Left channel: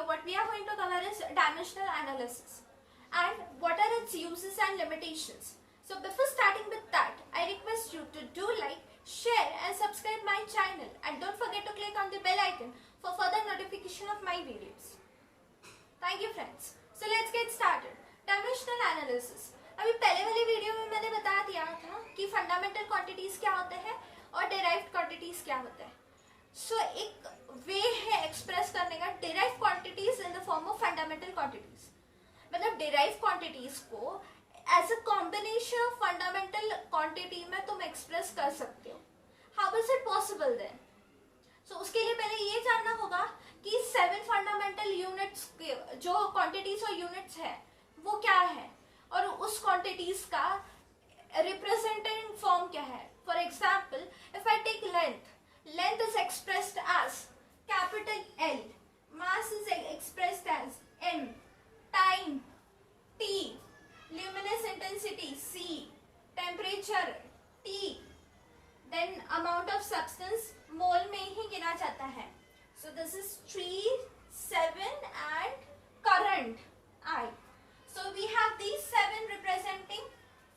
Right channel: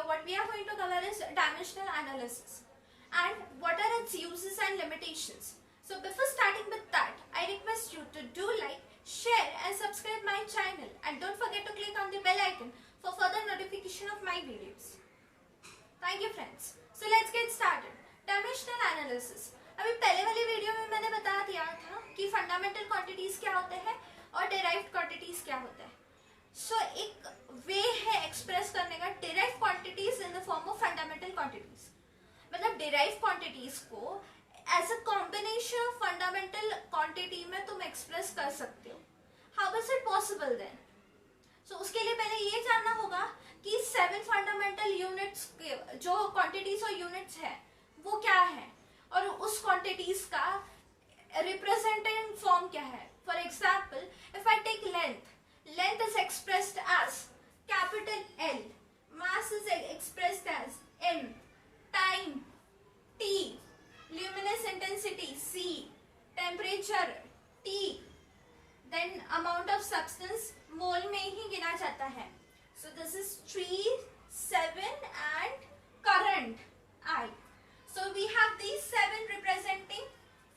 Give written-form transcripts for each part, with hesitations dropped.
video, what we are going to cover is dimensional analysis and what are its uses and limitations. So before starting with that, I request you to do like, share and subscribe my channel, and don't forget to click on the bell icon for further notification of my videos. Thank you friends. So let's get started. Dimensional analysis. अभी पहले वाली video में मैंने बता दिया था कि fundamental quantities क्या होते हैं और डेराइव्ड क्वांटिटीज क्या होते हैं. सो एक वे है एक्सप्रेस करने का derived quantities in the form of fundamental quantities. मतलब डेराइव्ड क्वांटिटीज को as a combination of fundamental quantity में तुम एक्सप्रेस कर सकते हो. How is it possible then? So उसके लिए पहले ये जानना होगा कि 7 फंडामेंटल यूनिट्स के जो क्वांटिटीज और यूनिट्स है वो क्या है और उस क्वांटिटीज का रिप्रेजेंटेटिव फॉर्म क्या है. For example, if I take length is expressed as capital L, mass is expressed as m, time T, luminous intensity C, temperature T, then amount of substance mole में ही गिना जाता है. So this is 3, 7 and current I. So we have these 7 representing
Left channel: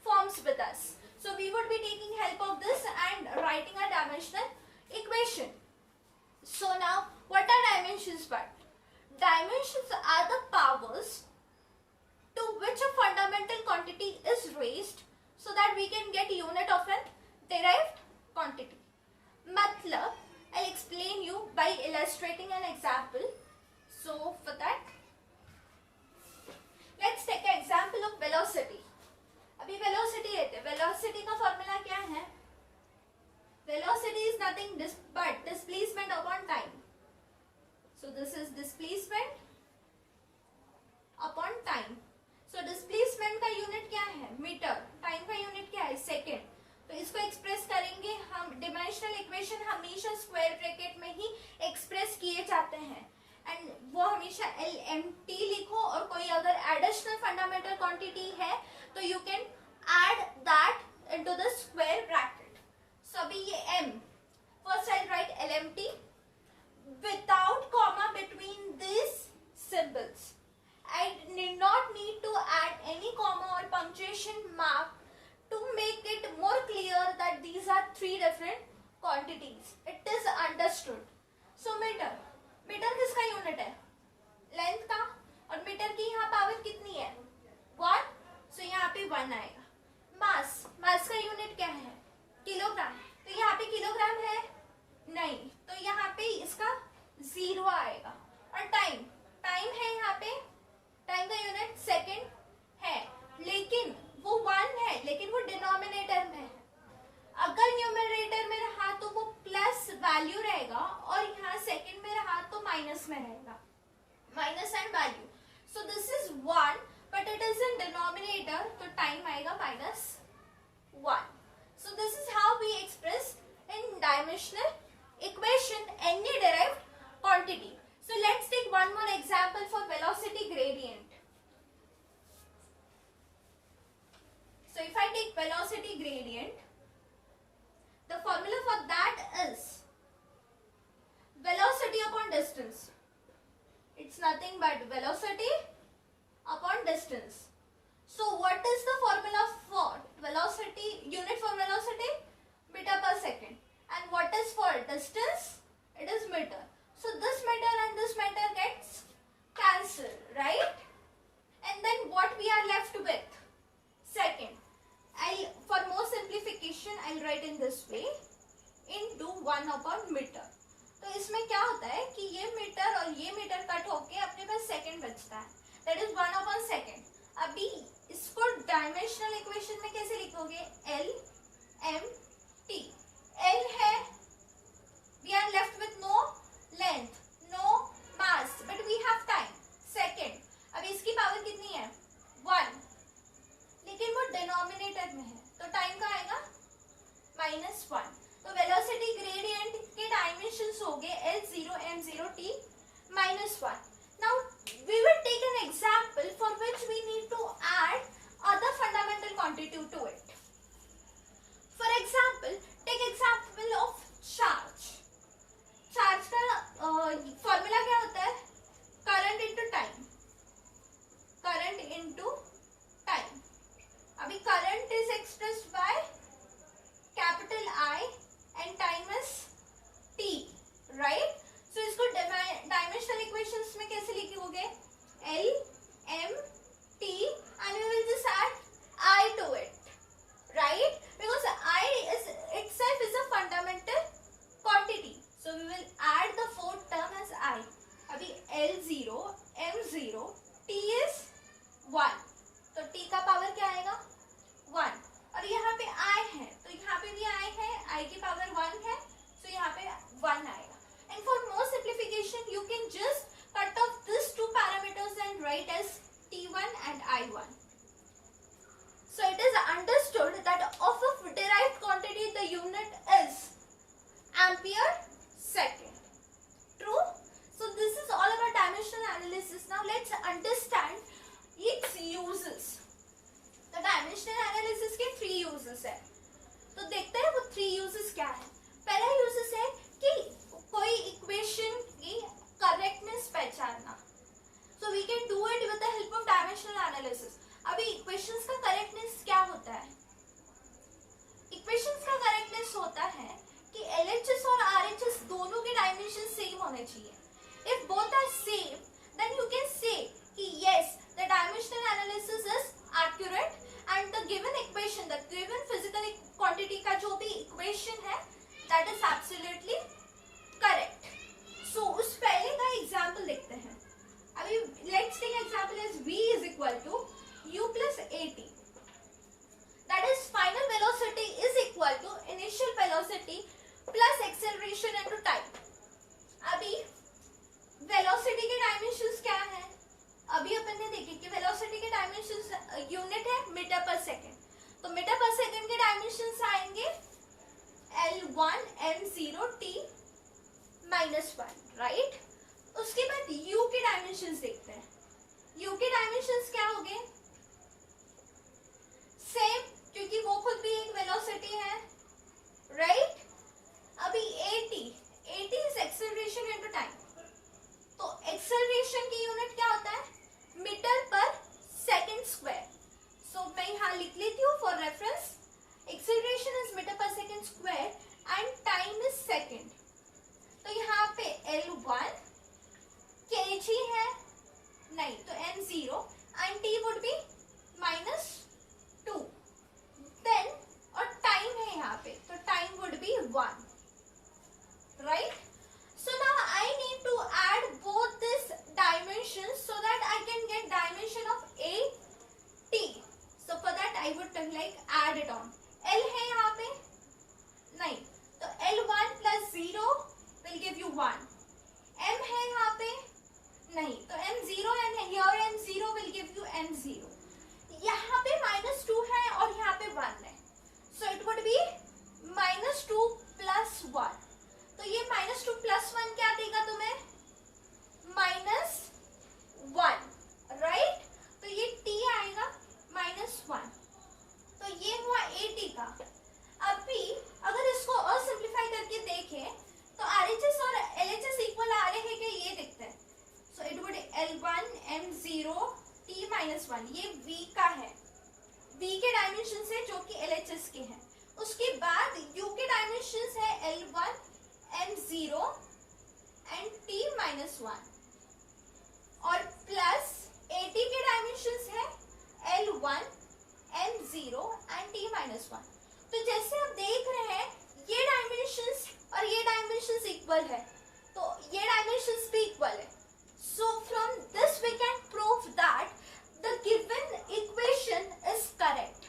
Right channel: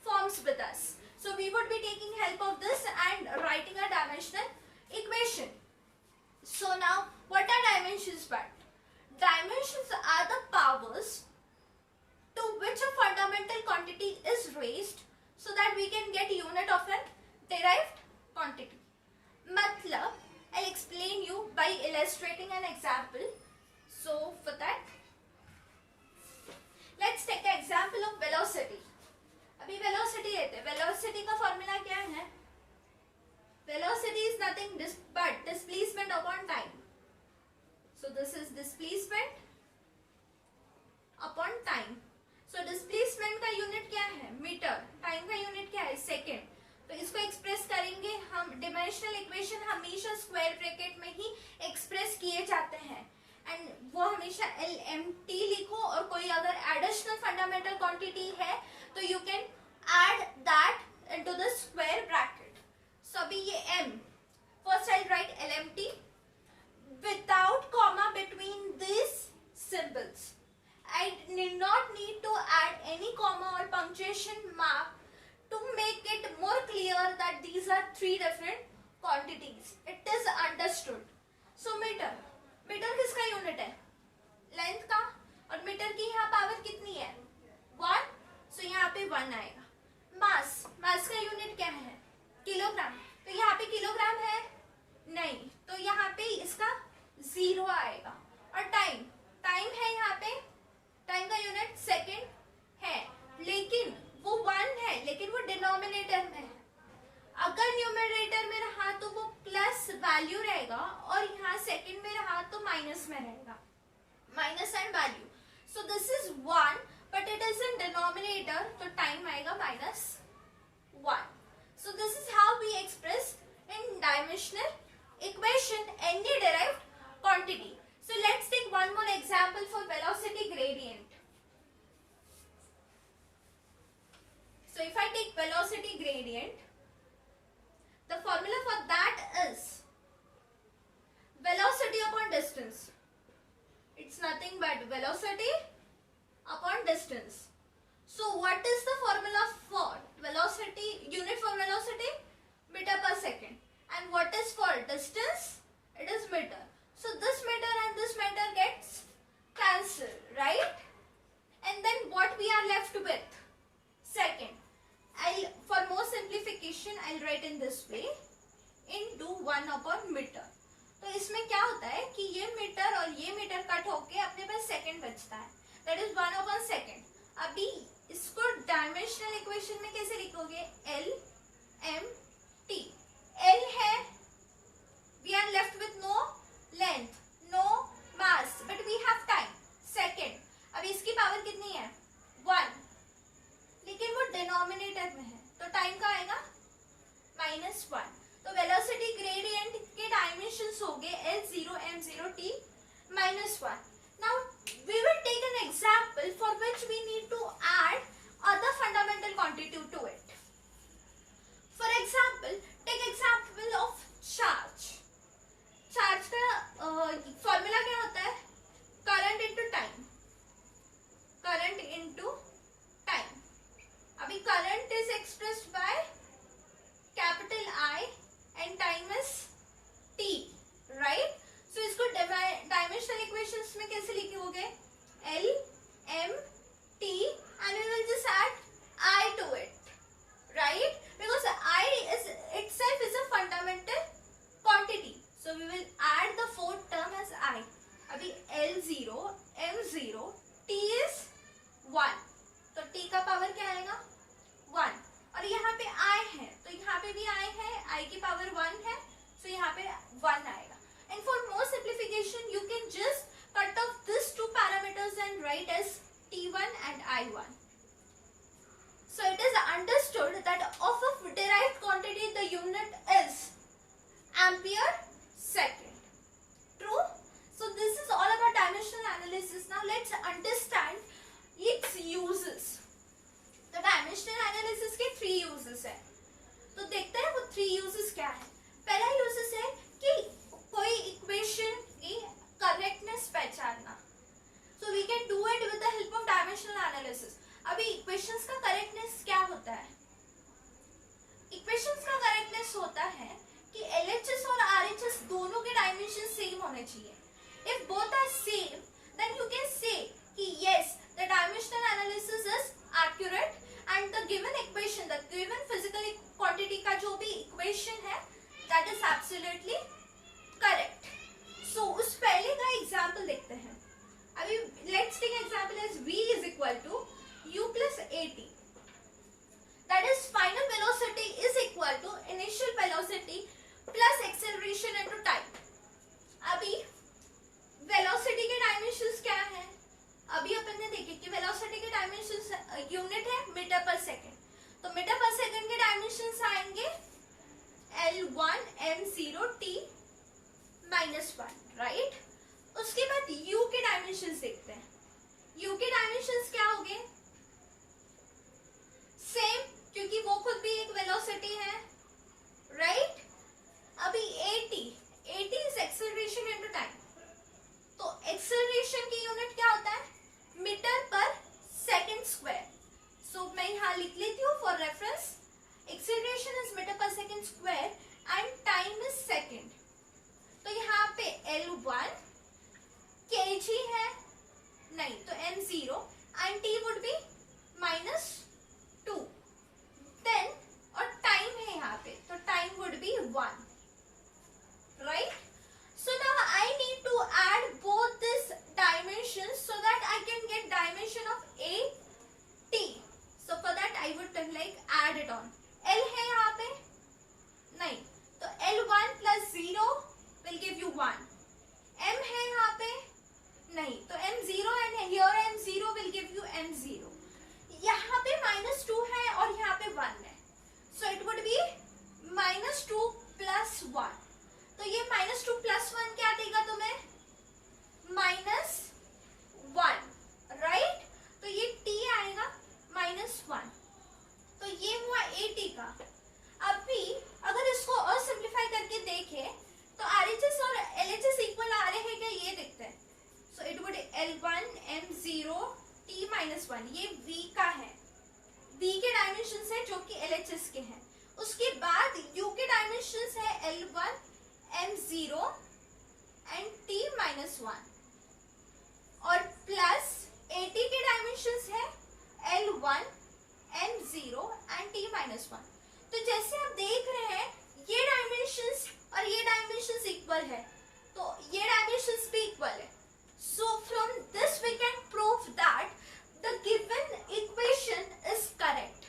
forms with us. So we would be taking help of this and writing a dimensional equation. So now what are dimensions? But dimensions are the powers to which a fundamental quantity is raised so that we can get unit of an derived quantity. मतलब I'll explain you by illustrating an example. So for that let's take an example of velocity. अभी velocity लेते हैं. velocity का formula क्या है? Velocity is nothing but displacement upon time. So this is displacement upon time. So displacement का unit क्या है? Metre. Time का यूनिट क्या है? सेकेंड. तो इसको एक्सप्रेस करेंगे हम. डिमेंशनल इक्वेशन हमेशा स्क्वायर ब्रैकेट में ही एक्सप्रेस किए जाते हैं एंड वो हमेशा LMT लिखो, और कोई अगर एडिशनल फंडामेंटल क्वांटिटी है तो you can add that into the square bracket. So अभी ये m, first I'll write LMT without comma between these symbols. I need not need to add any comma or punctuation mark to make it more clear that these are 3 different quantities. It is understood. So meter किसका unit है? Length का. और metre की यहाँ power कितनी है? 1. So यहाँ पे 1 आएगा. मास का यूनिट क्या है? किलोग्राम. तो यहाँ पे किलोग्राम है नहीं, तो यहाँ पे इसका 0 आएगा. और टाइम है यहाँ पे. टाइम का यूनिट सेकेंड है, लेकिन वो 1 है, लेकिन वो डिनोमिनेटर में है. अगर न्यूमरेटर में रहा तो वो प्लस वैल्यू रहेगा, और यहाँ सेकेंड में रहा तो माइनस में रहेगा. Minus and value. So this is 1 but it is in denominator, तो टाइम आएगा -1. So this is how we express in dimensional equation any derived quantity. So let's take one more example for velocity gradient. So if I take velocity gradient, the formula for that is velocity upon distance. It's nothing but velocity upon distance. So what is the formula for velocity? Unit for velocity? Meter per second. And what is for distance? It is meter. So this meter and this meter gets cancelled, right? And then what we are left with? Second. For more simplification, I'll write in this way. Into 1 upon meter. तो इसमें क्या होता है कि ये metre और ये metre cut होके अपने पास सेकंड बचता है. That is 1 upon second. अभी इसको डायमेंशनल इक्वेशन में कैसे लिखोगे? LMT. L है, we are left with no length, no mass, but we have time. Second. अभी इसकी पावर कितनी है? 1. लेकिन वो डिनोमिनेटर में है, तो टाइम का आएगा -1. तो वेलोसिटी ग्रेडियंट के डायमेंशंस हो गए L0, M0, T -1. Now we will take an example for which we need to add other fundamental quantity to it. For example, take example of charge. Charge का formula क्या होता है? Current L0 M0 T is 1, तो T का power क्या आएगा 1, और यहाँ पे I है तो यहाँ पे भी I है, I की पावर 1 है, तो यहाँ पे 1 आएगा. And for more simplification you can just cut off these two parameters and write as T1 and I1. So it is understood that of a derived quantity the unit is ampere second. True? So this is all about dimensional analysis. Now let's understand its uses. तो dimensional analysis के 3 uses है, तो देखते हैं वो 3 uses क्या है. पहला यूजेस है कि कोई इक्वेशन की करेक्टनेस पहचानना. So we can do it with the help of dimensional analysis. अभी इक्वेशंस का करेक्टनेस क्या होता है? इक्वेशंस का करेक्टनेस होता है कि LHS और RHS दोनों के डायमेंशन सेम होने चाहिए. If both are same then you can say कि yes the dimensional analysis is accurate and the given equation, the given physical quantity का जो भी equation है that is absolutely correct. So उस पहले का example देखते हैं. अभी let's take example as v is equal to u plus at. That is final velocity is equal to initial velocity plus acceleration into time. अभी velocity के dimensions क्या है? अभी अपन ने देखे कि वेलोसिटी के डायमेंशंस यूनिट है मीटर पर सेकंड, तो मीटर पर सेकंड के डायमेंशंस आएंगे L1 M0 T -1, राइट. उसके बाद U के डायमेंशंस देखते हैं. U के डायमेंशंस क्या होंगे? सेम, क्योंकि वो खुद भी एक वेलोसिटी है, राइट. अभी AT is acceleration into time, तो एक्सेलरेशन की यूनिट क्या होता है? Metre per second square. सो मैं यहाँ लिख लेती हूँ for reference. Acceleration is metre per second square and time is second. तो यहाँ पे L1 kg है, नहीं तो M0 and T would be -2. Then और टाइम है यहाँ पे, तो time would be 1, right. So now I need to add both these dimensions so that I can get dimension of AT. So for that I would like add it on. L है यहाँ पे, नहीं तो L1 plus 0 will give you 1. M है यहाँ पे, नहीं तो M0 and here M0 will give you M0. यहाँ पे -2 है और यहाँ पे 1 है, so it would be -2 plus 1. तो ये -2 plus 1 क्या देगा तुम्हें? -1, राइट. तो ये T आएगा -1. तो ये हुआ AT का. अभी अगर इसको और सिंप्लीफाई करके देखें तो RHS और LHS इक्वल आ रहे हैं क्या, ये देखते हैं. सो it would L1 M0 T -1, ये V का है, V के डायमेंशन है जो कि LHS के हैं. उसके बाद U के डायमेंशन है L1 M0 and T -1 और प्लस AT के डायमेंशंस है L1 M0 and T -1. तो जैसे आप देख रहे हैं ये डायमेंशंस और ये डायमेंशंस इक्वल है, तो ये डायमेंशंस भी इक्वल है. So from this we can prove that the given equation is correct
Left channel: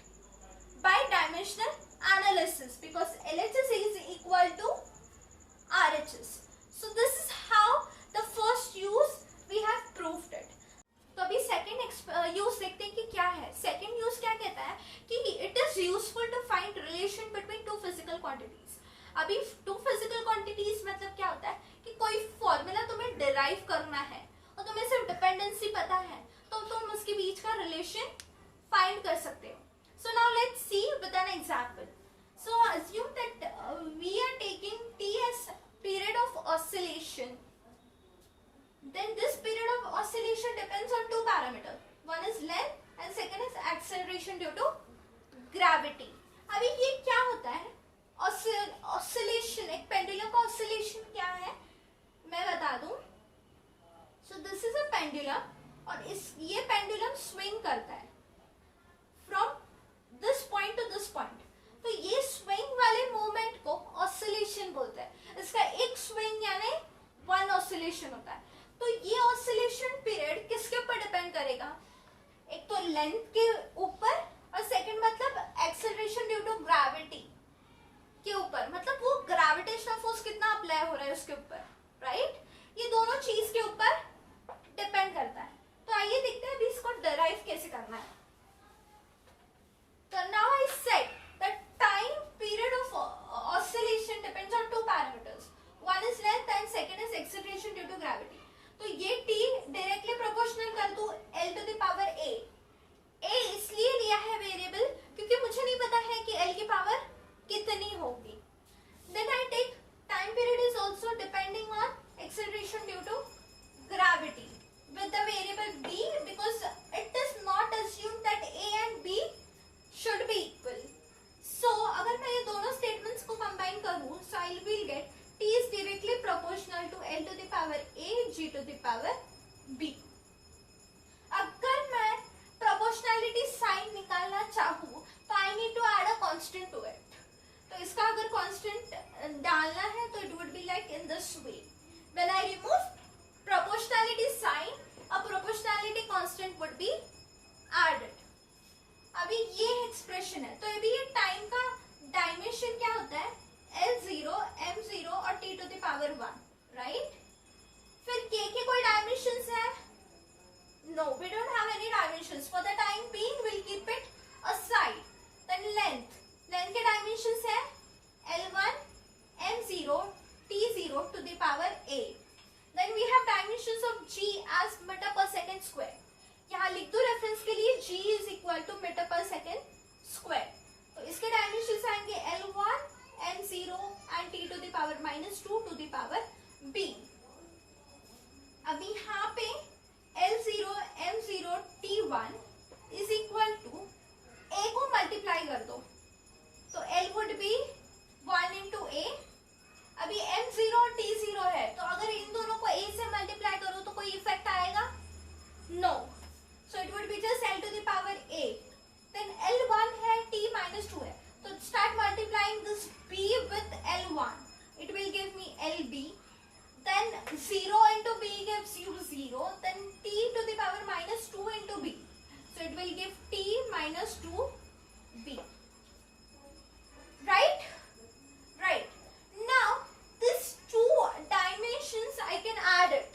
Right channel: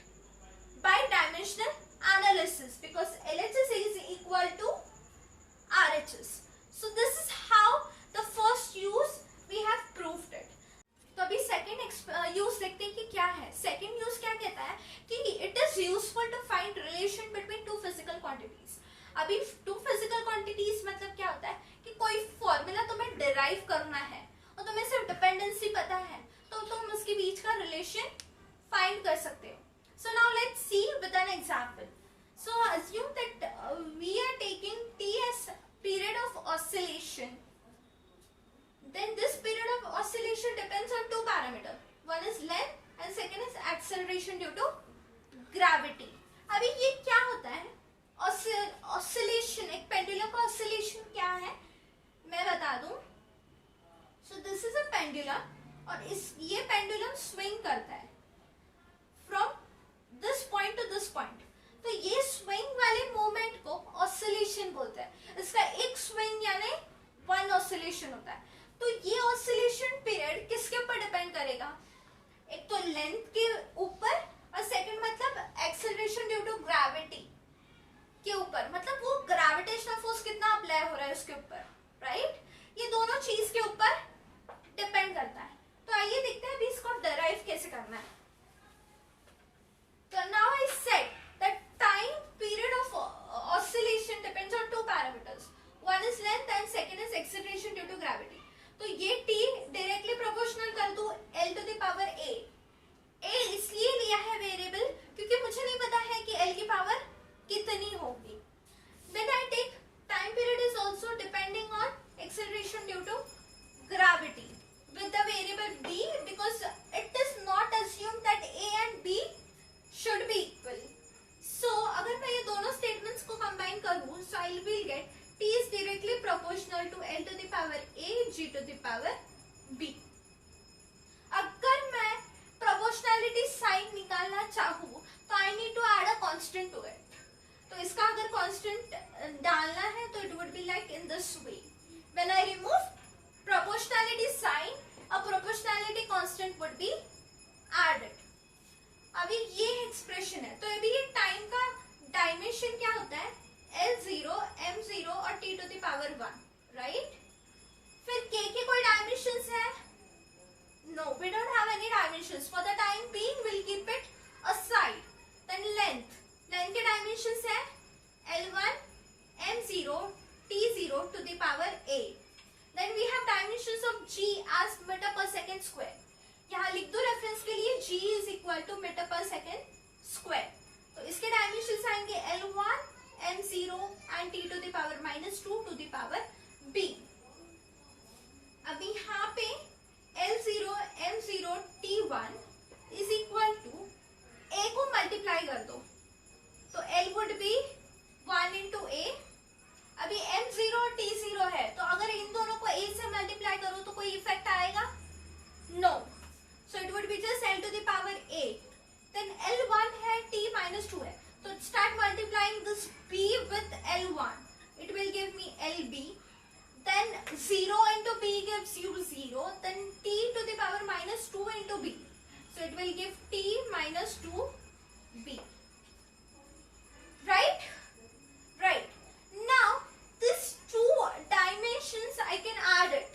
by dimensional analysis because LHS is equal to RHS. So this is how the first use we have proved it. तो अभी second use देखते हैं कि क्या है. Second use क्या कहता है कि it is useful to find relation between two physical quantities. अभी टू फिजिकल क्वांटिटीज मतलब क्या होता है कि कोई फॉर्मूला तुम्हें डिराइव करना है और तुम्हें सिर्फ डिपेंडेंसी पता है तो तुम उसके बीच का रिलेशन फाइंड कर सकते हो. So now let's see with an example. So assume that we are taking T as period of oscillation. Then this period of oscillation depends on two parameters. One is length and second is acceleration due to gravity. अभी ये क्या होता है? Oscillation, एक pendulum का oscillation क्या है? मैं बता दूं. So this is a pendulum और ये pendulum swing करता है from this point to this point. तो ये स्विंग वाले मोमेंट को ऑसिलेशन बोलते हैं. इसका एक स्विंग यानी वन ऑसिलेशन होता है. तो ये लेंथ के ऊपर, और सेकंड मतलब एक्सेलरेशन ड्यू टू ग्रेविटी के ऊपर, मतलब वो ग्रेविटेशनल फोर्स कितना अप्लाई हो रहा है उसके ऊपर, राइट? ये दोनों चीज के ऊपर डिपेंड करता है। तो आइए देखते हैं अभी इसको डराइव कैसे करना है। So now I said that time period of oscillation depends on two parameters. One is length and second is acceleration due to gravity. तो ये t डायरेक्टली प्रोपोर्शनल कर दूं L to the power a. a इसलिए लिया है variable क्योंकि मुझे नहीं पता है कि L की पावर कितनी होगी. Then I take time period is also depending on acceleration due to gravity with the variable b, because it is not assumed that a and b should be equal. So अगर मैं ये दोनों statements को combine करूँ, so I will get t is directly proportional to L to the power a g to the power b. अगर मैं proportionality sign निकालना चाहूँ तो I need to add a constant to it. तो इसका अगर constant डालना है तो it would be like in this way. When I remove proportionality sign, a proportionality constant would be added. अभी ये एक्सप्रेशन है, तो अभी ये टाइम का डायमेंशन क्या होता है? L0, M0 और t to the power 1, right? फिर k के कोई डायमेंशंस है? No, we don't have any dimensions. For the time being, we'll keep it aside. Then length के डायमेंशंस है L1, M0, T0 to the power a. Then we have dimensions of g as meter per second square. यहाँ लिख दो reference के लिए g is equal to metre per second square. तो इसके dimensions आएंगे L1, M0 and t to the power -2 to the power b. अभी यहाँ पे L0, M0, T1 is equal to a को मल्टीप्लाई कर दो तो L would be 1 into a. अभी M0 और T0 है, तो अगर इन दोनों को a से मल्टीप्लाई करो तो कोई इफेक्ट आएगा? No. So it would be just L to the power a. Then L1 है, t -2 है, तो start multiplying this b with L1. It will give me LB. Then 0 into b gives you 0. Then t to the power -2 into b. So it will give t -2b. Right? Right. Now these two dimensions I can add it.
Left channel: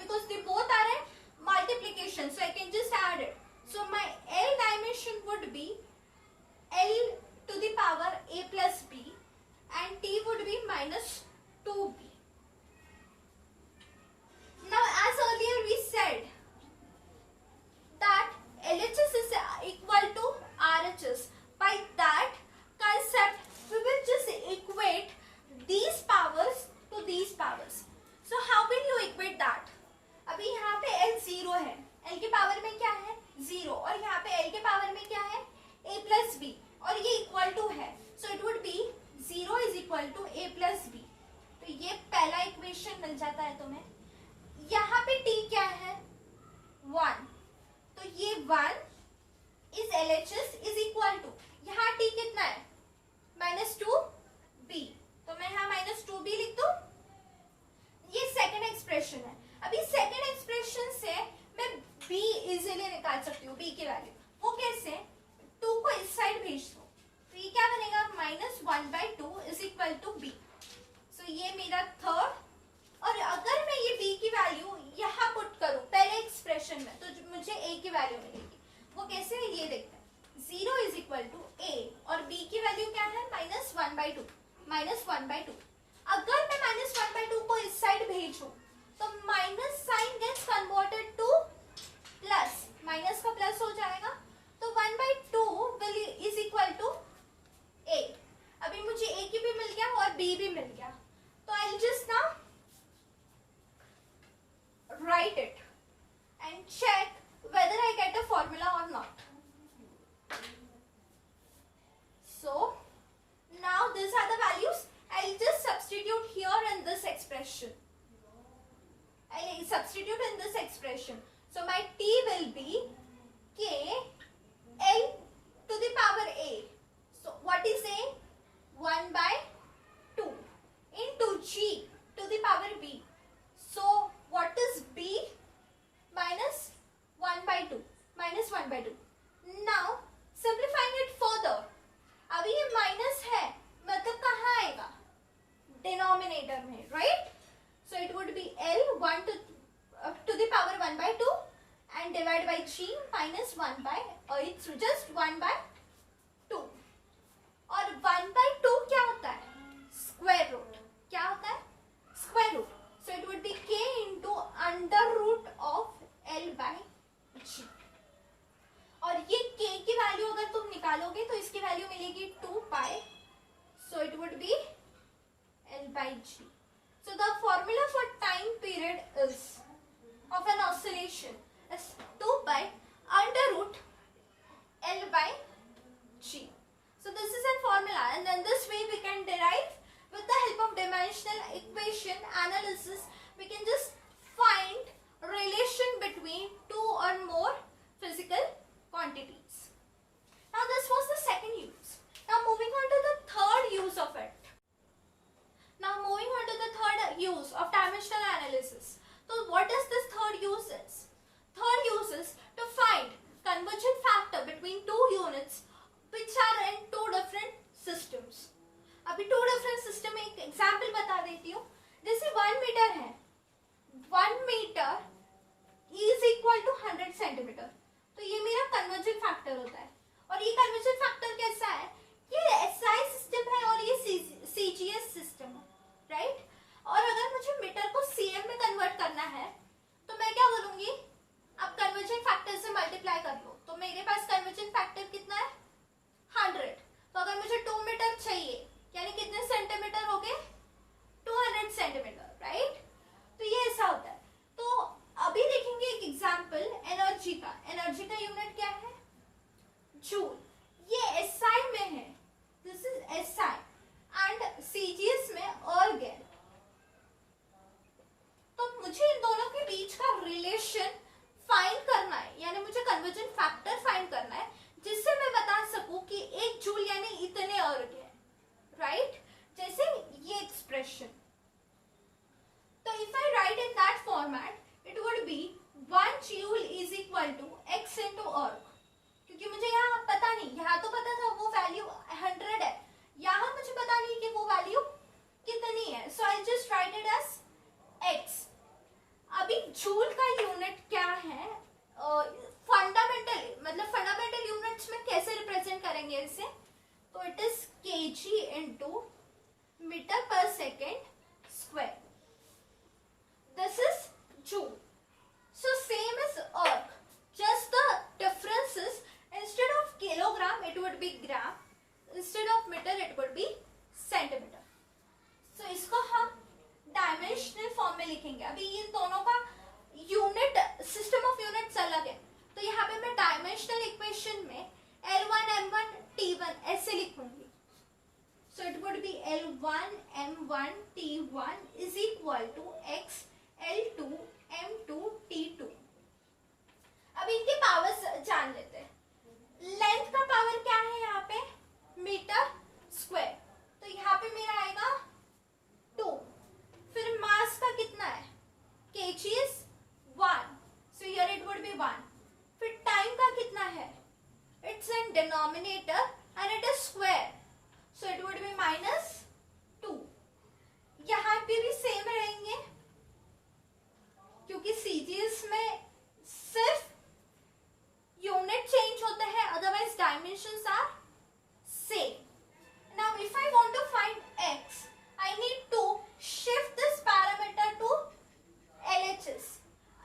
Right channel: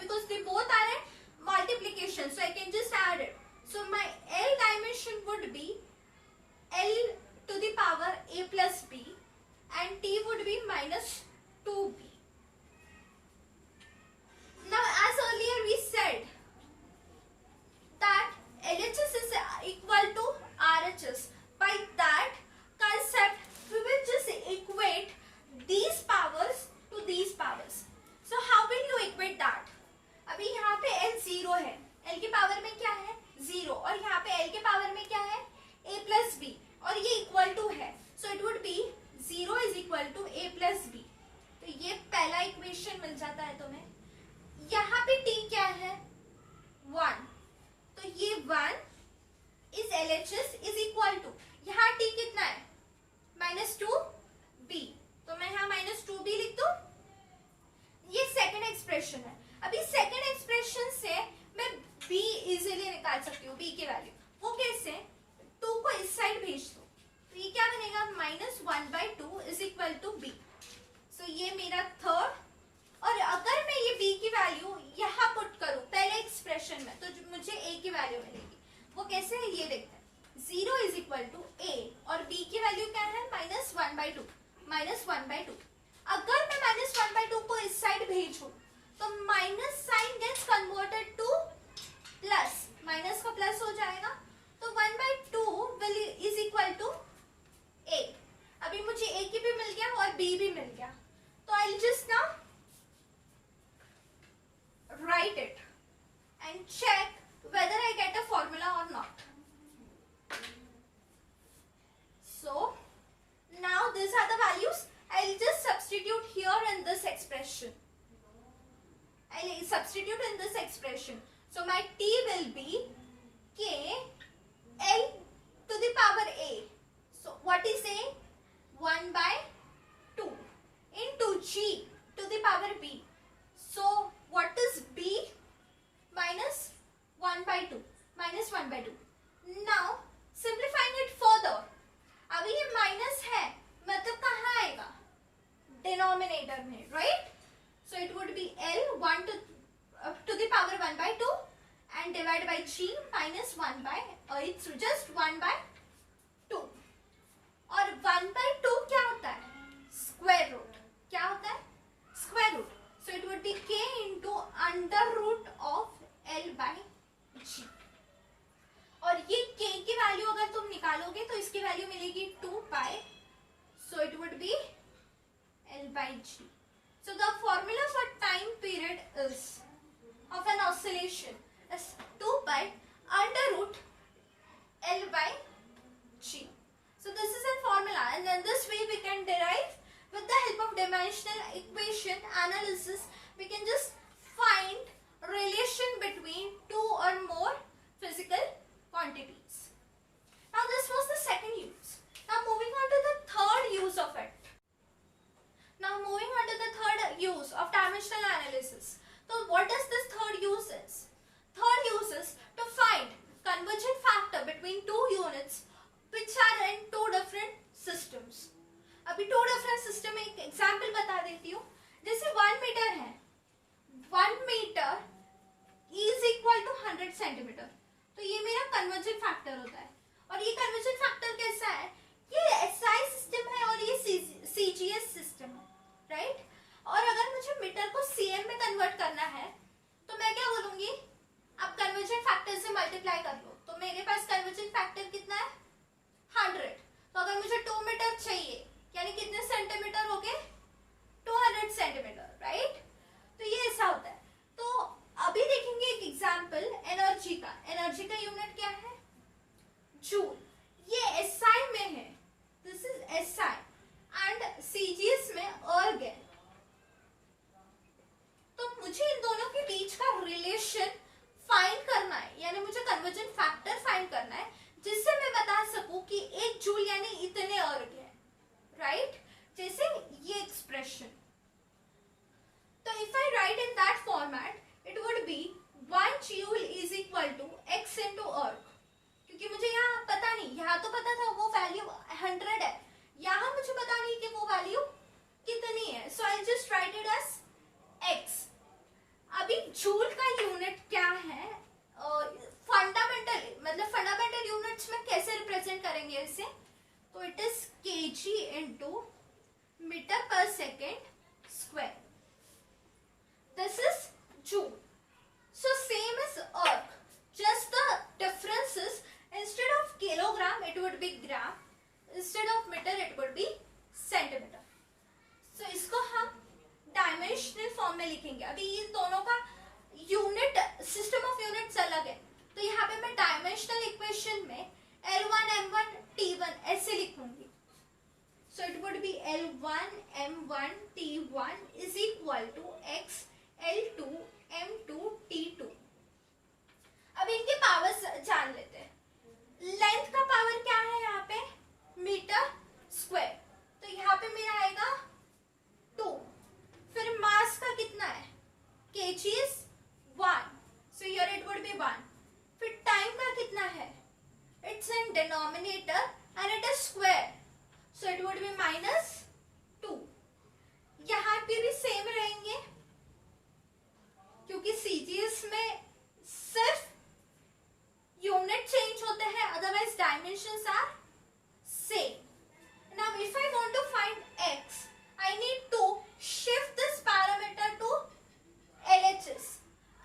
Because they both are in multiplication, so I can just add it. So my L dimension would be L to the power a plus b and t would be -2b. Now as earlier we said that LHS is equal to RHS. By that concept we will just equate these powers to these powers. So how will you equate that? अभी यहाँ पे L 0 है, L के power में क्या है? 0, और यहाँ पे L के पावर में क्या है? a plus b, और ये इक्वल टू है, so it would be 0 is equal to a plus b. तो ये पहला इक्वेशन मिल जाता है तुम्हें. यहाँ पे t क्या है? 1, तो ये 1 is LHS is equal to, यहाँ t कितना है? -2b, तो मैं यहाँ -2b लिख दूं. ये सेकंड एक्सप्रेशन है. अभी सेकंड एक्सप्रेशन से मैं b इजीली निकाल सकती हूँ, b की वैल्यू. वो कैसे? 2 को इस साइड भेज दो, तो ये क्या बनेगा? -1/2 इज इक्वल टू b. सो ये मेरा थर्ड. और अगर मैं ये b की वैल्यू यहाँ पुट करूँ पहले एक्सप्रेशन में, तो मुझे a की वैल्यू मिलेगी. वो कैसे है ये देखते हैं. 0 इज इक्वल टू a और b की वैल्यू क्या है? -1/2. -1/2. अगर मैं -1/2 को इस साइड भेजूं तो minus sign gets converted to plus, minus का प्लस हो जाएगा, तो 1/2 will is equal to a. अभी मुझे a की भी मिल गया और b भी मिल गया, तो I will just now write it and check whether I get a formula or not. So now these are the values. I'll just substitute here in this expression. I'll substitute in this expression. So my t will be k L to the power a. So what is a? 1/2 into g to the power b. So what is b? -1/2. divided by g minus 1 by it's just 1 by 2. और 1 by 2 क्या होता है? Square root. क्या होता है? Square root. So it would be k into under root of l by g. और ये k की वैल्यू अगर तुम निकालोगे तो इसकी वैल्यू मिलेगी 2 pi. So it would be l by g. So the formula for time period is of an oscillation is 2 pi under root l by g. So this is a formula, and in this way we can derive with the help of dimensional equation analysis. We can just find relation between two or more physical quantities. Now this was the second use. Now moving on to the third use of it. Now moving on to the third use of dimensional analysis. So what does this third use is? Third use is to find convergent factor between two units which are in two different systems. अभी two different system में एक example बता देती हूँ. जैसे 1 metre है, 1 metre is equal to 100 centimetre. तो ये मेरा convergent factor होता है. और ये convergent factor कैसा है? ये SI सिस्टम है और ये CGS सिस्टम है, राइट? और अगर मुझे मीटर को सीएम में कन्वर्ट करना है तो मैं क्या बोलूंगी? अब कन्वर्जन फैक्टर से मल्टीप्लाई कर लो. तो मेरे पास कन्वर्जन फैक्टर कितना है? 100. तो अगर मुझे 2 मीटर चाहिए यानी कितने सेंटीमीटर हो गए? 200 सेंटीमीटर, राइट? तो ये ऐसा होता है. तो अभी देखेंगे एक एग्जांपल एनर्जी का. एनर्जी का यूनिट क्या है? जूल. ये एसआई में है. This is SI and CGS में अर्ग. तो मुझे इन दोनों के बीच का रिलेशन फाइंड करना है, यानी मुझे कन्वर्जन फैक्टर फाइंड करना है जिससे मैं बता सकूं कि 1 जूल यानी इतने अर्ग है, राइट? जैसे ये एक्सप्रेशन. तो if I write in that format it would be 1 joule is equal to x into erg. क्योंकि मुझे यहाँ पता नहीं, यहाँ तो पता था वो वैल्यू 100 है, यहाँ मुझे पता नहीं कि वो वैल्यू कितनी है. So I just write it as x. अभी जूल का यूनिट क्या है? फंडामेंटल मतलब फंडामेंटल यूनिट्स में कैसे रिप्रेजेंट करेंगे इसे? तो it is KG into metre per second square. This is joule. So same is erg. Just the difference is instead of kilogram it would be gram, instead of meter it would be centimeter. So इसको हम dimensional form में लिखेंगे. अभी इन दोनों का unit system of units अलग है. तो यहाँ पे मैं डायमेंशनल इक्वेशन में L1 M1 T1 ऐसे लिखूंगी. So it would be L1 M1 T1 is equal to X L2 M2 T2. अब इनके पावर्स जान लेते हैं. लेंथ का पावर क्या है यहाँ पे? Metre square. तो यहाँ पे मेरा आएगा 2. फिर मास का कितना है? kg is 1. So here it would be 1. फिर टाइम का कितना है? It's in denominator and it is square. So it would be -2. यहाँ पे भी सेम रहेंगे क्योंकि सीजीएस में सिर्फ यूनिट चेंज होते हैं, otherwise dimensions are same. Now if I want to find x, I need to shift this parameter to LHS.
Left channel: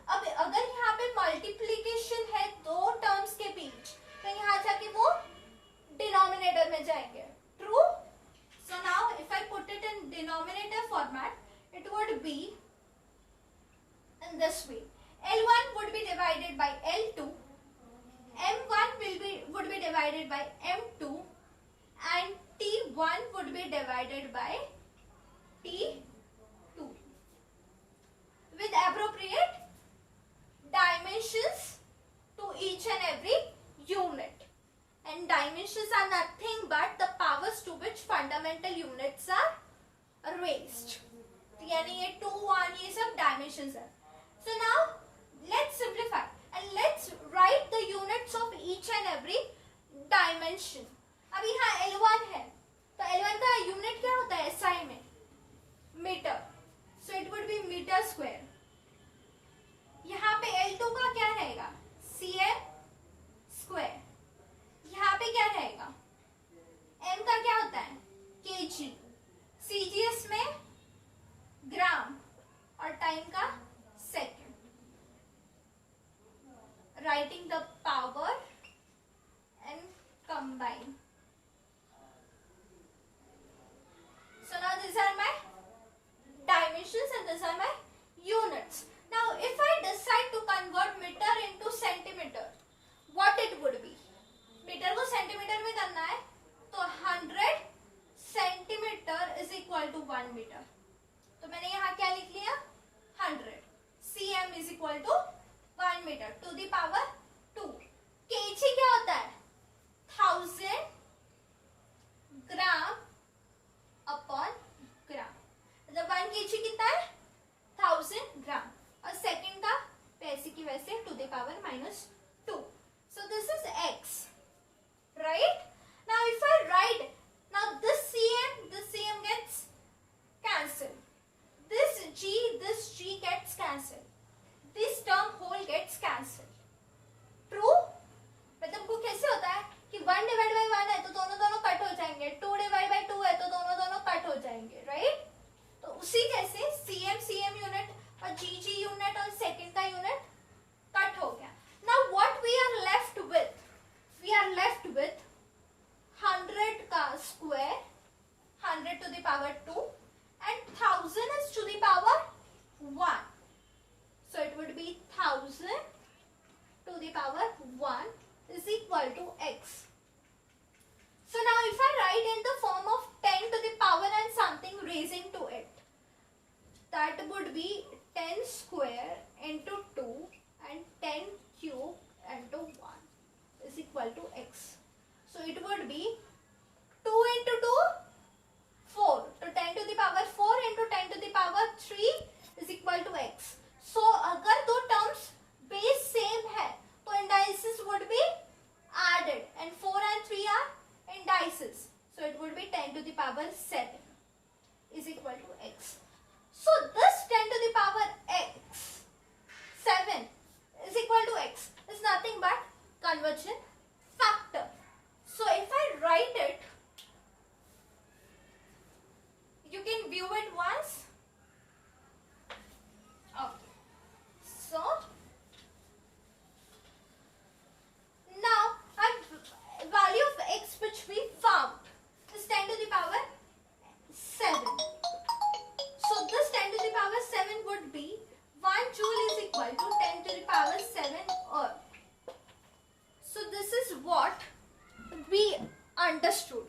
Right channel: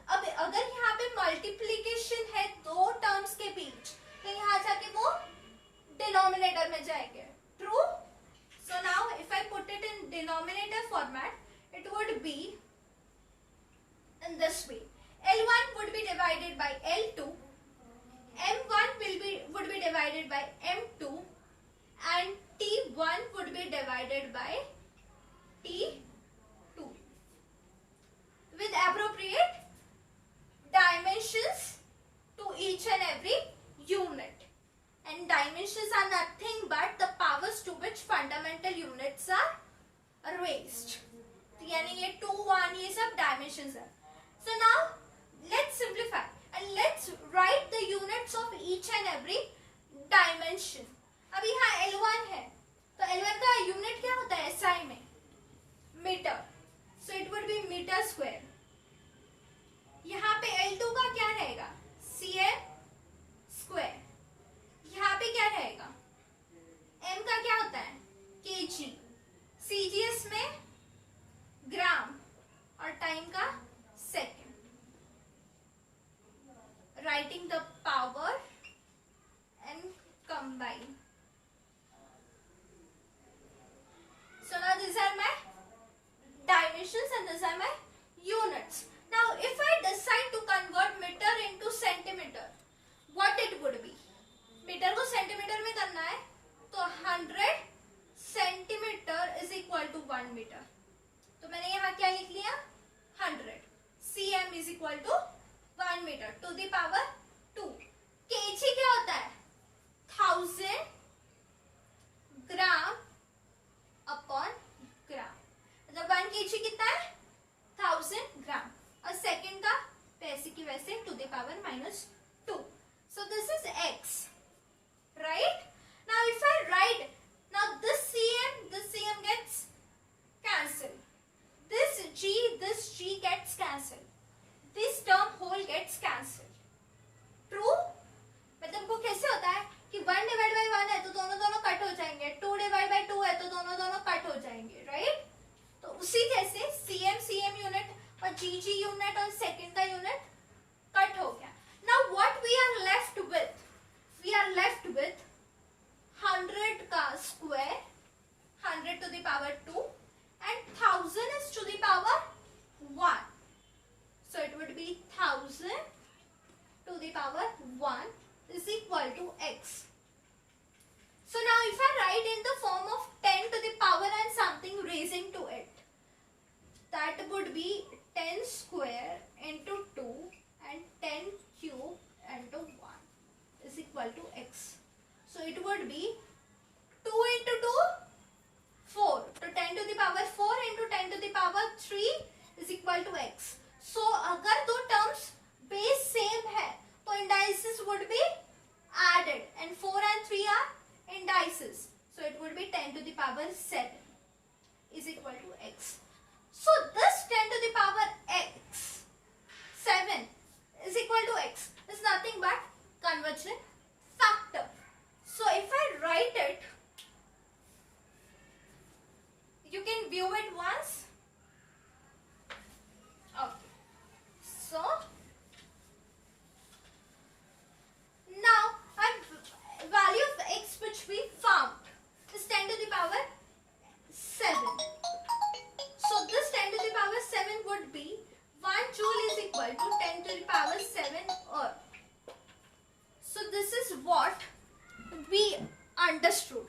अब अगर यहाँ पे मल्टीप्लिकेशन है दो टर्म्स के बीच तो यहाँ जाके वो डिनोमिनेटर में जाएंगे. True? So now if I put it in denominator format it would be in this way. L1 would be divided by L2, M1 would be divided by M2 and T1 would be divided by T2 with appropriate dimensions to each and every unit. And dimensions are nothing but the powers to which fundamental units are raised. यानी ये 2, 1 ये सब dimensions है. So now let's simplify and let's write the units of each and every dimension. अब यहाँ L1 है तो L1 का यूनिट क्या होता है SI में? Metre. So it would be metre square. यहाँ पे L2 का क्या रहेगा? writing the power and combine. So now these are my dimensions and these are my units. Now if I decide to convert meter into centimeter, what it would be? Metre को centimetre में करना है तो 100 centimetre is equal to 1 metre. तो मैंने यहाँ क्या लिख लिया? 100 cm is equal to 1 metre to the power 2. kg क्या होता है? 1000 ग्राम अपॉन ग्राम. मतलब 1 kg कितना है? 1000 ग्राम. और सेकंड का पैसे की वैसे to the power -2. So this is x, right? Now if I write, now this cm gets cancelled. This g gets cancelled. This term whole gets cancelled. True? मतलब वो कैसे होता है कि 1 डिवाइड बाई 1 है तो दोनों कट हो जाएंगे, 2 डिवाइड बाई 2 है तो दोनों कट हो जाएंगे, right? तो उसी जैसे cm यूनिट और g यूनिट और सेकंड का यूनिट कट हो गया. Now what we are left with? We are left with 100 का square, 100 to the power 2 and 1000 is to the power 1. So it would be 1000 to the power 1 is equal to x. So now if I write in the form of 10 to the power and something raising to it, that would be 10 square into 2 and 10 cube into 1 is equal to x. So it would be 2 into 2, 4. तो 10 to the power 4 into 10 to the power 3 is equal to x. So अगर दो terms base same है तो indices would be added and 4 and 3 are indices. So it would be 10 to the power 7 is equal to x. So this 10 to the power x 7 is equal to x is nothing but conversion factor. So if I write it, you can view it once. Okay. So now our value of x which we found is 10 to the power 7. So this 10 to the power 7 would be 1 joule is equal to 10 to the power 7 earth. So this is what we understood.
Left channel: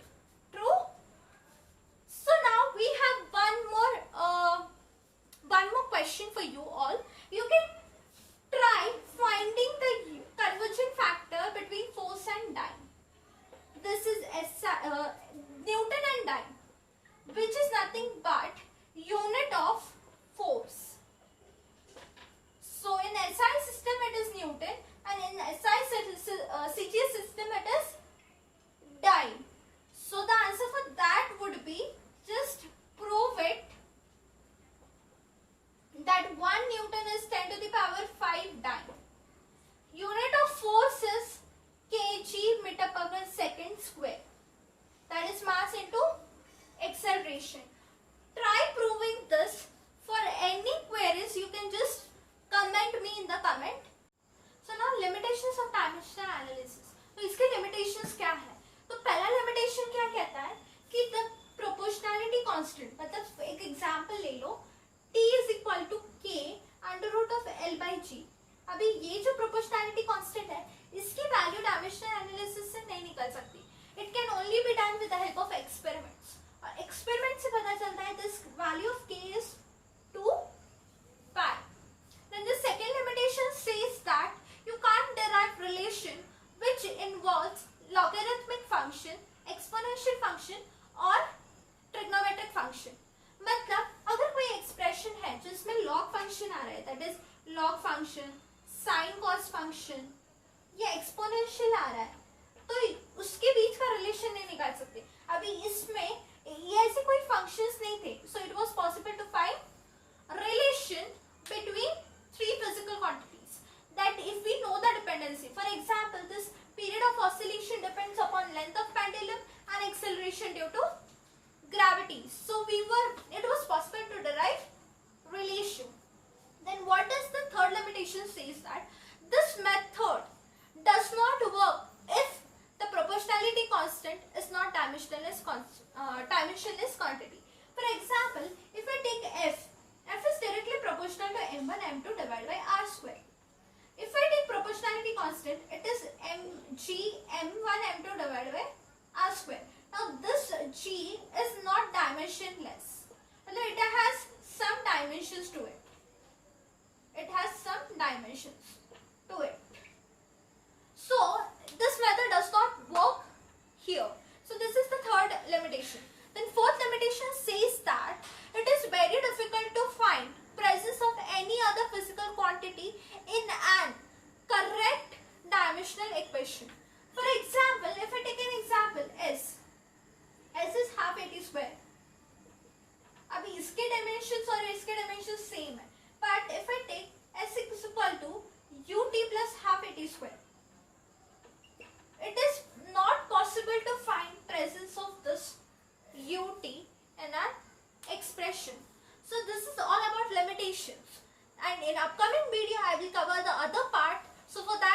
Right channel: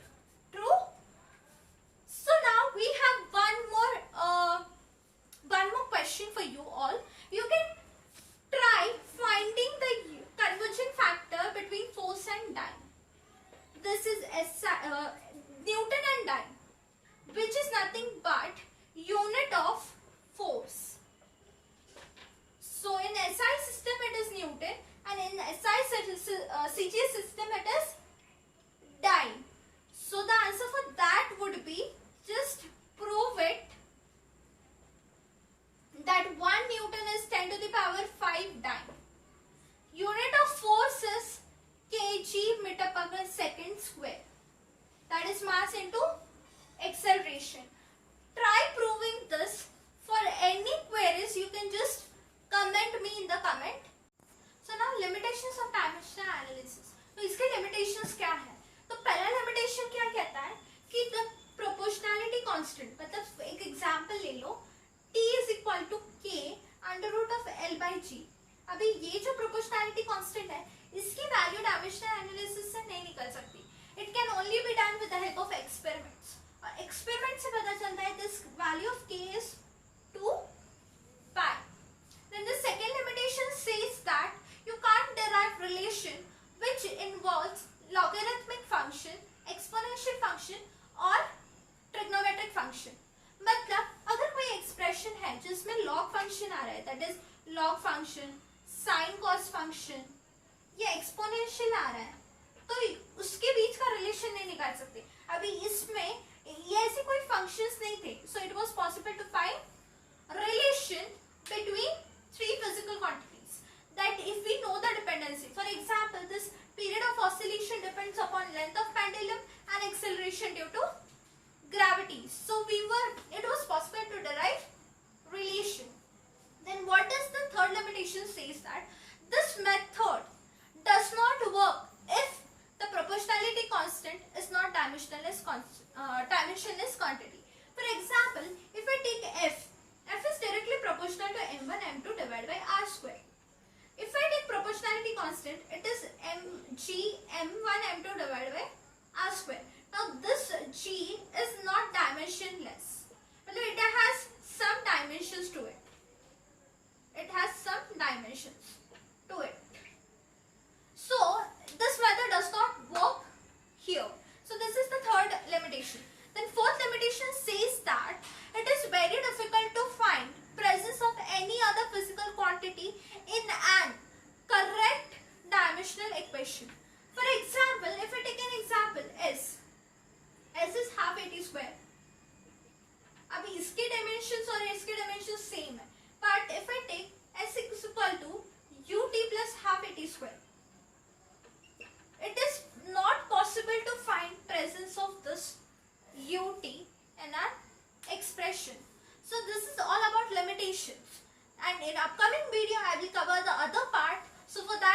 True? So now we have one more question for you all. You can try finding the conversion factor between force and dyne. This is Newton and dyne, which is nothing but unit of force. So in SI system it is Newton and in CGS system it is dyne. So the answer for that would be just prove it that 1 Newton is 10 to the power 5 dyne. Unit of force is kg meter per second square. That is mass into acceleration. Try proving this. For any queries you can just comment me in the comment. So now limitations of dimensional analysis. तो इसके limitations क्या है? तो पहला limitation क्या कहता है कि the proportionality constant, मतलब एक example ले लो, t is equal to k under root of l by g. अभी ये जो proportionality constant है, इसकी value dimensional analysis से नहीं निकल सकती. It can only be done with the help of experiments. और experiment से पता चलता है this value of k is 2 pi. Then the second limitation says that you can't derive relation which involves logarithmic function, exponential function और trigonometric function. मतलब अगर कोई expression है जिसमें log function आ रहा है, that is log function, sin cos function या exponential आ रहा है, तो उसके बीच का relation नहीं निकाल सकते. अभी इसमें ये ऐसे कोई functions नहीं थे, so it was possible to find relation between three physical quantities. That if we know the dependency, for example, this period of oscillation depends upon length of pendulum and acceleration due to gravity. So it was possible to derive relation. Then what does the third limitation says that this method dimensionless quantity. For example, if I take f is directly proportional to m1 m2 divided by r square. If I take proportionality constant, it is mg m1 m2 divided by r square. Now this g is not dimensionless. It has some dimensions to it. It has some dimensions to it. So this method does not work here. So this is the third limitation. Then fourth limitation says that it is very difficult to find presence of any other physical quantity in an correct dimensional equation. For example, if I take an example, s is half at square. अभी इसके dimensions और इसके dimensions same है. But if I take s is equal to ut plus half at square, it is not possible to find presence of this ut in an expression. So this is all about limitations, and in upcoming video I will cover the other part. So for that